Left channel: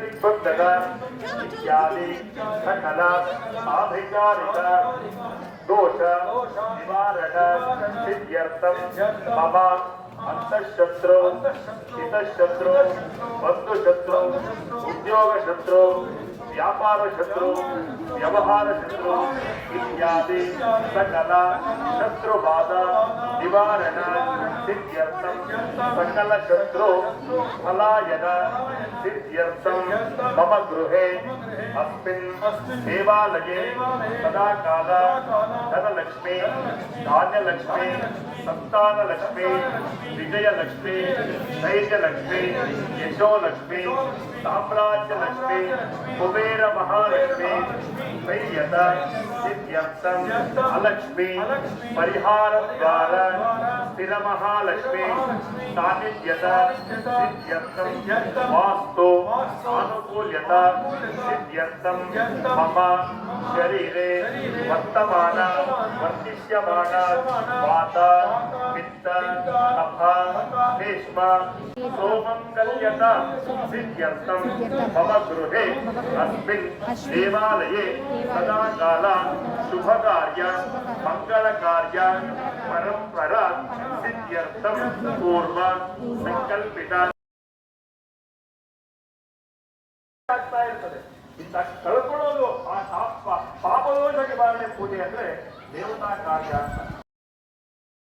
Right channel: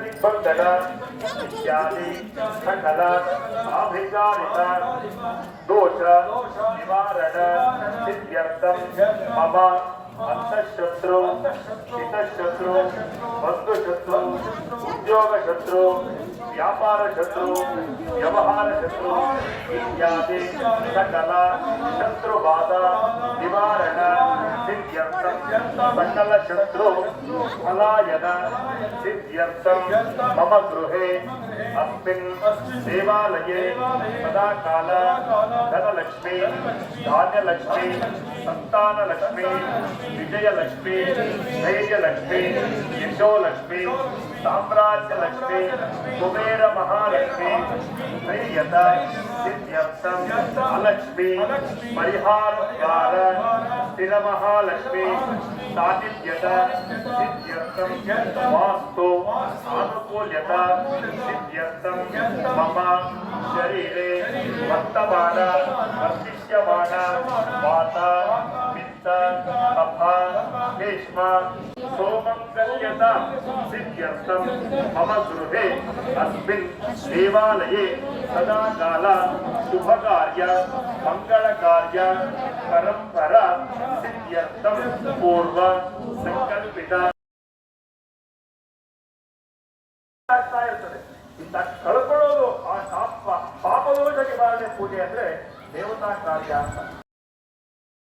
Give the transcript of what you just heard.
दिग्बंधन इत्यादि सकल आभिचारिक दोष निवारण सिद्ध्यर्थम मम अंतःशत्रु हितशत्रु बंधुशत्रु उद्योगशत्रु व्यापार शत्रु व्यवहार शत्रु इत्यादि सकल शत्रुबाधा निवारण सिद्ध्यर्थम सकल शत्रु पलायन सिद्ध्यर्थम मम गृहे अस्मिन् देवालये सदा काल धनलक्ष्मी धान्यलक्ष्मी संतानलक्ष्मी विजयलक्ष्मी धैर्यलक्ष्मी यशोलक्ष्मी साम्राज्यलक्ष्मी कुबेर महालक्ष्मी धैर्यत सिद्ध्यर्थम अलक्ष्मी परिहारद्वार स्थिर महालक्ष्मी सानिध्यत सिद्ध्यर्थम वास्तु अनुकूल्यता सिद्ध्यर्थम मम शरीरे वर्तमान वर्तिष्यमान वात पित्त कफ श्लेष्म सोमंगल्यता सिद्ध्यर्थम मम गृहे अस्मिन् देवालये सदा काल शुभकार्य मंगलकार्य परंपरा सिद्ध्यर्थम पूर्व संकल्पित ಇಂಥ ಕಳ್ಕೊಳ್ಳೋದು ಆ ಪಾಪದೋಷ ನಿವಾರಣೆ ಪೂಜೆ ಅಂದ್ರೆ ದೇವತಾ ಕಾರ್ಯ ಅಂತ.